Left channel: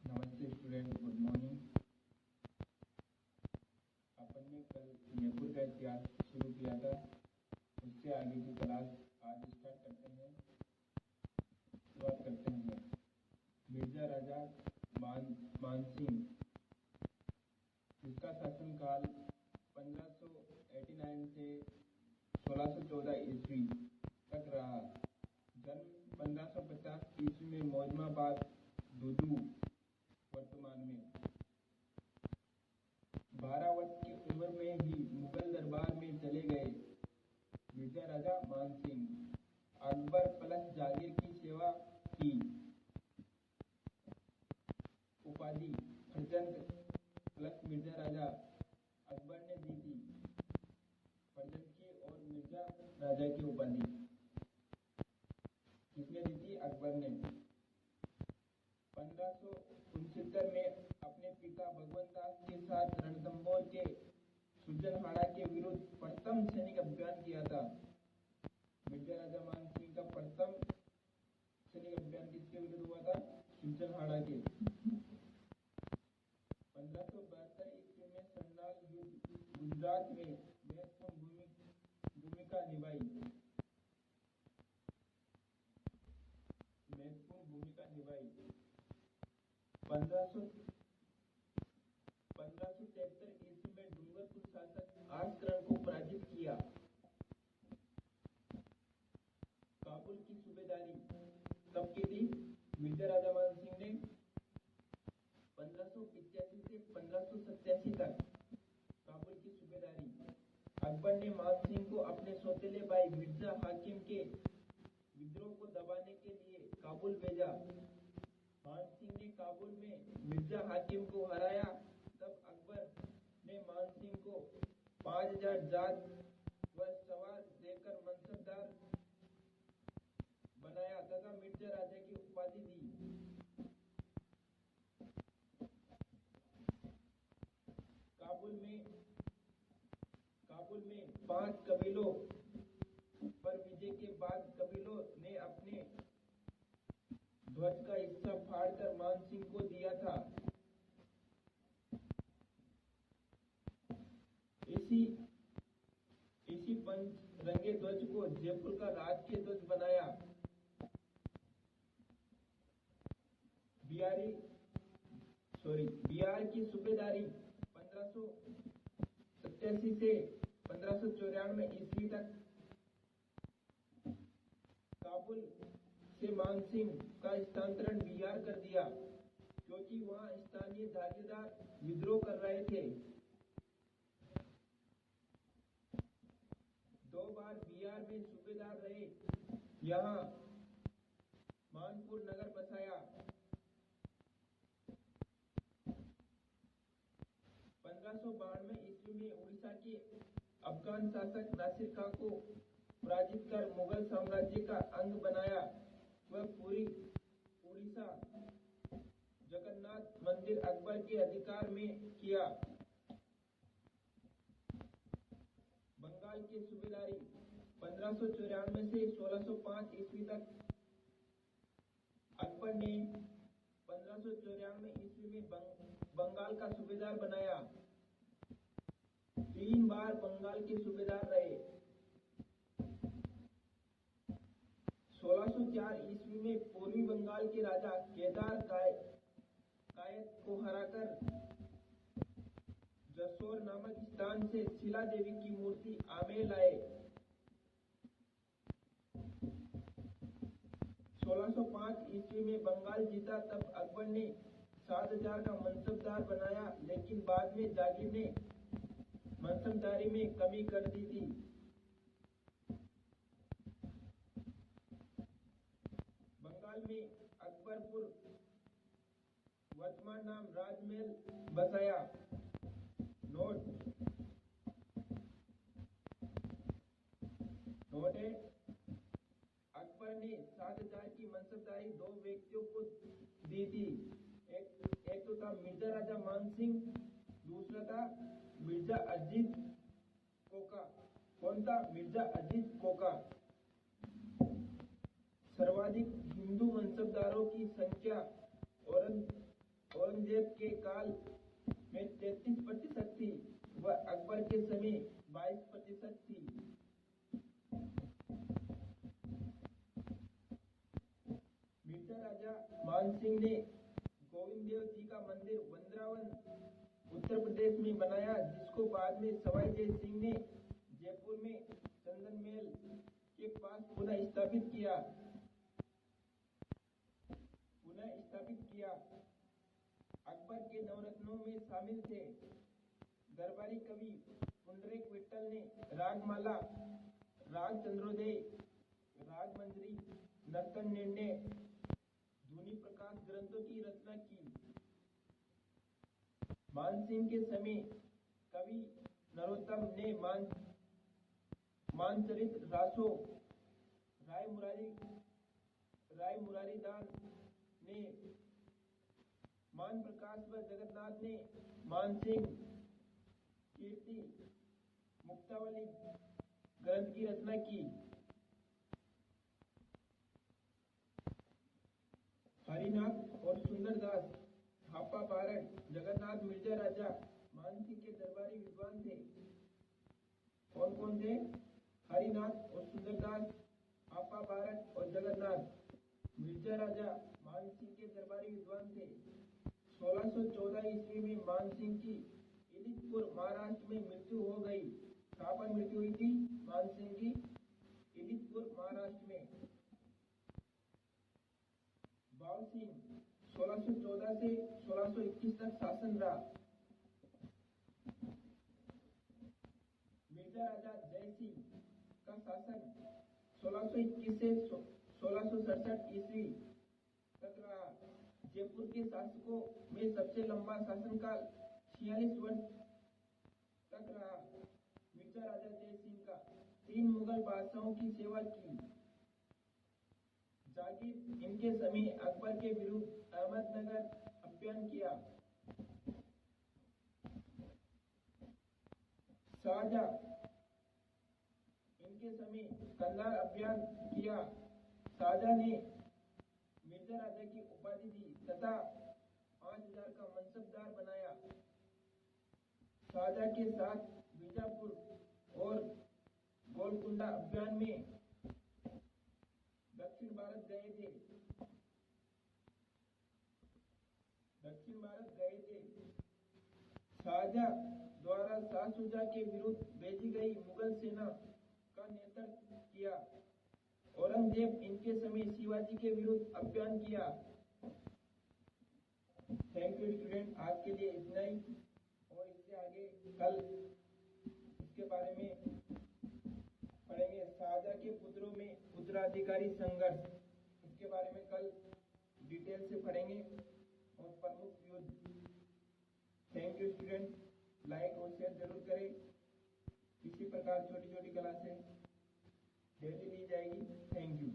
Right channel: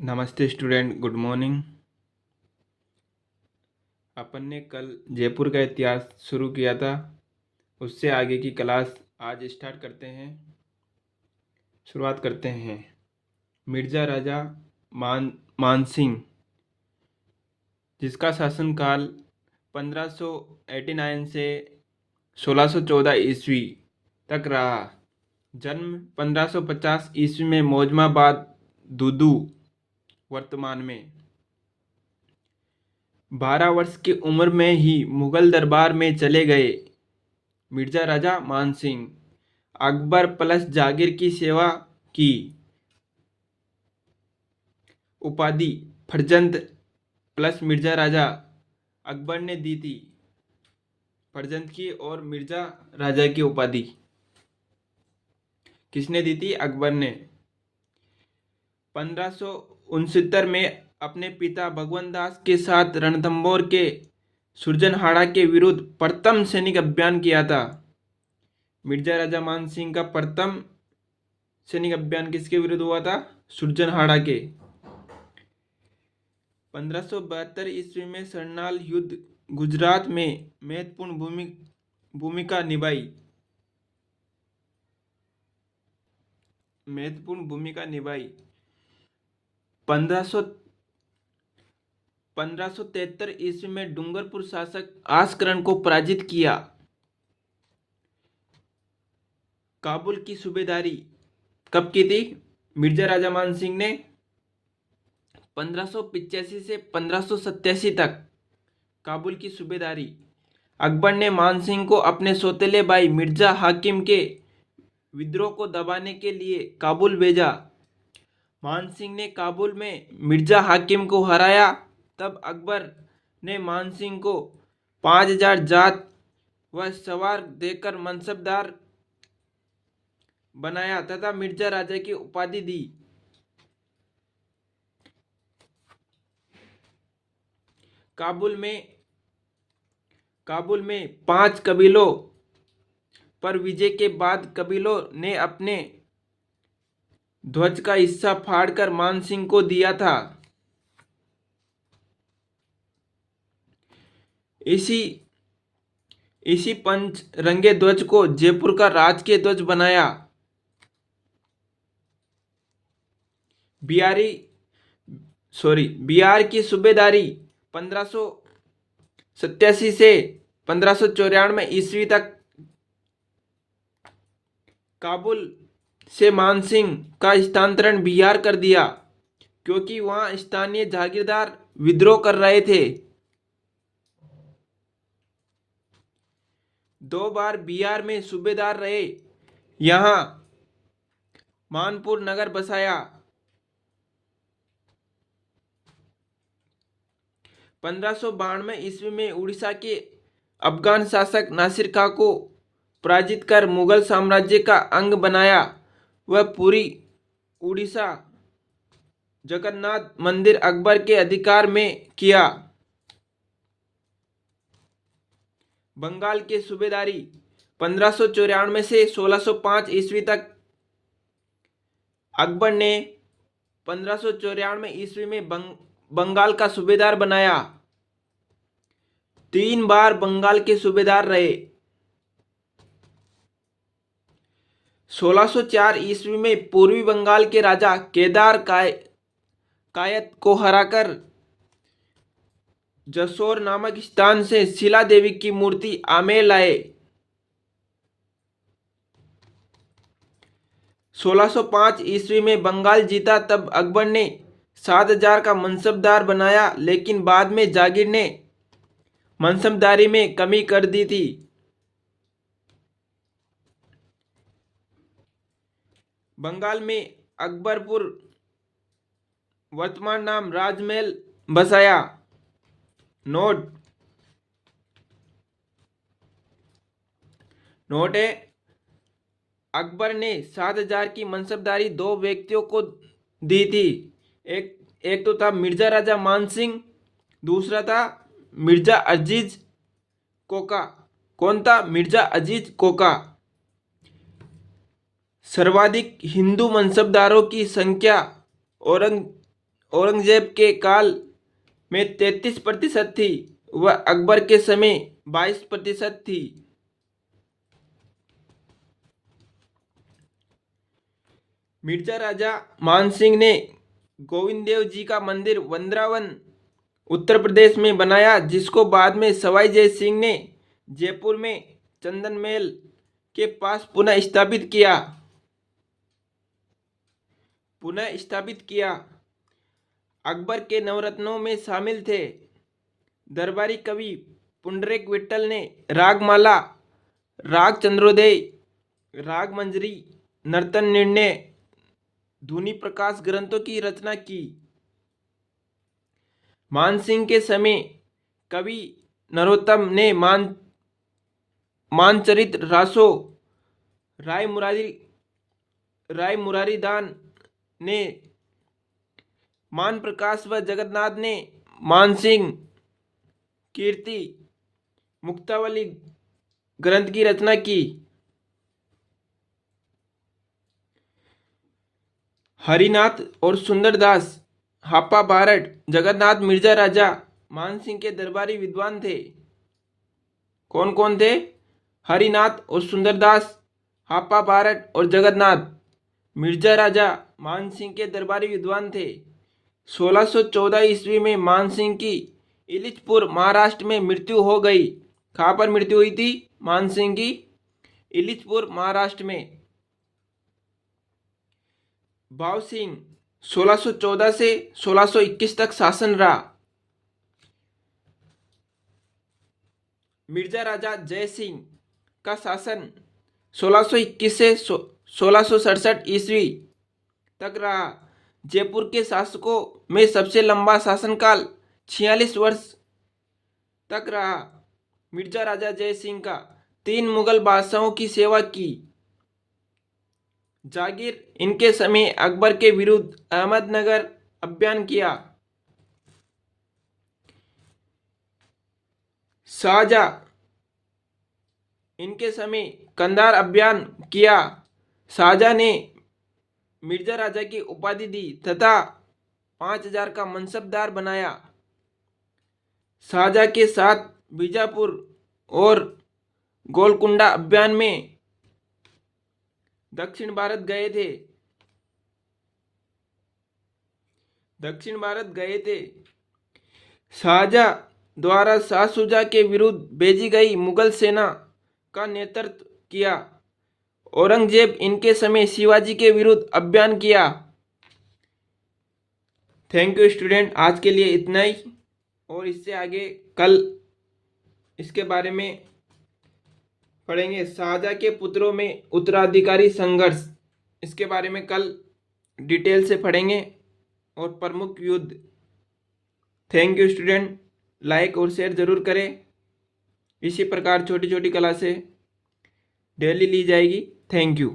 नमस्ते student, good morning. अपन ने कल जयपुर का इतिहास शुरू किया था, उससे आगे की क्लास आज स्टार्ट करते हैं। शुरुआत करते हैं। मिर्ज़ा राजा मानसिंह, जिसका शासनकाल 1589 से 1614 ईस्वी तक रहा। जन्म 1550 ईस्वी में मौजमाबाद, दूदू, वर्तमान में। 12 वर्ष की उम्र में ही मुगल दरबार में चले गए। मिर्ज़ा राजा मानसिंह अकबर प्लस जागीर की सेवा की। उपाधि फर्जंद प्लस मिर्ज़ा राजा अकबर ने दी थी। फर्जंद की और मिर्ज़ा राजा की उपाधि किसने दी थी? अकबर ने। 1569 में अपने पिता भगवंत दास के साथ रणथंभौर के सुरजनहाड़ा के विरुद्ध प्रथम सैनिक अभियान किया था। मिर्ज़ा राजा मानसिंह का प्रथम सैनिक अभियान किसके विरुद्ध हुआ था? सुरजनहाड़ा के। 1572 ईस्वी में सरनाल युद्ध गुजरात में महत्वपूर्ण भूमिका निभाई। 1573 ईस्वी में डूंगरपुर शासक आस्करण को पराजित किया। काबुल की सूबेदारी कब की थी? मिर्ज़ा राजा मानसिंह ने 1585 से 1587 तक काबुल की सूबेदारी। अकबर ने मानसिंह को अपने सौतेले भाई मिर्ज़ा हाकिम के विद्रोह को दबाने के लिए काबुल भेजा। मानसिंह ने काबुल में मिर्ज़ा हाकिम को हराया। तब अकबर ने मानसिंह को 5000 जात व सवार देकर मनसबदार बनाया तथा मिर्ज़ा राजा की उपाधि दी। काबुल में 5 कबीलों पर विजय के बाद कबीलों ने अपने ध्वज का हिस्सा फाड़कर मानसिंह को दिया था। इसी पंच रंगे ध्वज को जयपुर का राजकीय ध्वज बनाया। बिहार की सूबेदारी 1587 से 1594 ईस्वी तक काबुल से मानसिंह का स्थानांतरण बिहार कर दिया, क्योंकि वहां स्थानीय जागीरदार विद्रोह कर रहे थे। 2 बार बिहार में सूबेदार रहे। यहां मानपुर नगर बसाया। 1592 ईस्वी में उड़ीसा के अफगान शासक नासिर खां को पराजित कर मुगल साम्राज्य का अंग बनाया। वह पूरी उड़ीसा जगन्नाथ मंदिर अकबर के अधिकार में किया। बंगाल के सूबेदारी 1594 से 1605 ईस्वी तक अकबर ने 1594 ईस्वी में बंगाल का सूबेदार बनाया। 3 बार बंगाल के सूबेदार रहे। 1604 ईस्वी में पूर्वी बंगाल के राजा केदार कायत को हराकर जसोर नामक स्थान से शिला देवी की मूर्ति आमेर लाए। 1605 ईस्वी में बंगाल जीता। तब अकबर ने 7000 का मनसबदार बनाया, लेकिन बाद में जागीर ने मनसबदारी में कमी कर दी थी। बंगाल में अकबरपुर, वर्तमान नाम, राजमहल बसाया। नोट है, अकबर ने 7000 की मनसबदारी 2 व्यक्तियों को दी थी। एक तो था मिर्ज़ा राजा मानसिंह, दूसरा था मिर्ज़ा अजीज कोका। कौन था? मिर्ज़ा अजीज कोका। सर्वाधिक हिंदू मनसबदारों की संख्या औरंगजेब के काल में 33% थी व अकबर के समय 22% थी। मिर्जा राजा मानसिंह ने गोविंद देव जी का मंदिर वृंदावन उत्तर प्रदेश में बनाया, जिसको बाद में सवाई जय सिंह ने जयपुर में चंदन महल के पास पुनः स्थापित किया। अकबर के नवरत्नों में शामिल थे दरबारी कवि पुंडरीक विट्ठल ने रागमाला, राग चंद्रोदय, राग मंजरी, नर्तन निर्णय, धुनी प्रकाश ग्रंथों की रचना की। मानसिंह के समय कवि नरोत्तम ने मानचरित रासो, राय मुरारी दान ने मान प्रकाश व जगन्नाथ ने मानसिंह कीर्ति मुक्तावली ग्रंथ की रचना की। हरिनाथ और सुंदरदास हापा बारट जगन्नाथ मिर्जा राजा मानसिंह के दरबारी विद्वान थे। कौन कौन थे? हरिनाथ और सुंदरदास हापा बारट और जगन्नाथ मिर्जा राजा मानसिंह के दरबारी विद्वान थे। 1614 ईस्वी में मानसिंह की इलिचपुर महाराष्ट्र में मृत्यु हो गई। कहाँ पर मृत्यु हुई थी मानसिंह की? इलिचपुर महाराष्ट्र में। भाव सिंह 1614 से 1621 तक शासन रहा। मिर्जा राजा जय सिंह का शासन 1621 से 1667 ईस्वी तक रहा। जयपुर के शासकों में सबसे लंबा शासनकाल 46 वर्ष तक रहा। मिर्जा राजा जय सिंह का 3 मुगल बादशाहों की सेवा की। जागीर इनके समय अकबर के विरुद्ध अहमदनगर अभियान किया। शाहजहां इनके समय कंधार अभियान किया। शाहजहां ने मिर्जा राजा की उपाधि दी तथा 5000 का मनसबदार बनाया। शाहजहां के साथ बीजापुर और गोलकुंडा अभियान में दक्षिण भारत गए थे। शाहजहां द्वारा शाह शुजा के विरुद्ध भेजी गई मुगल सेना का नेतृत्व किया। औरंगजेब इनके समय शिवाजी के विरुद्ध अभियान किया। थैंक यू स्टूडेंट, आज के लिए इतना ही, और इससे आगे कल इसके बारे में पढ़ेंगे। शाहजहां के पुत्रों में उत्तराधिकारी संघर्ष, इसके बारे में कल डिटेल से पढ़ेंगे, और प्रमुख युद्ध। थैंक यू स्टूडेंट, लाइक और शेयर जरूर करें। इसी प्रकार छोटी छोटी क्लासें डेली ली जाएगी। Thank you.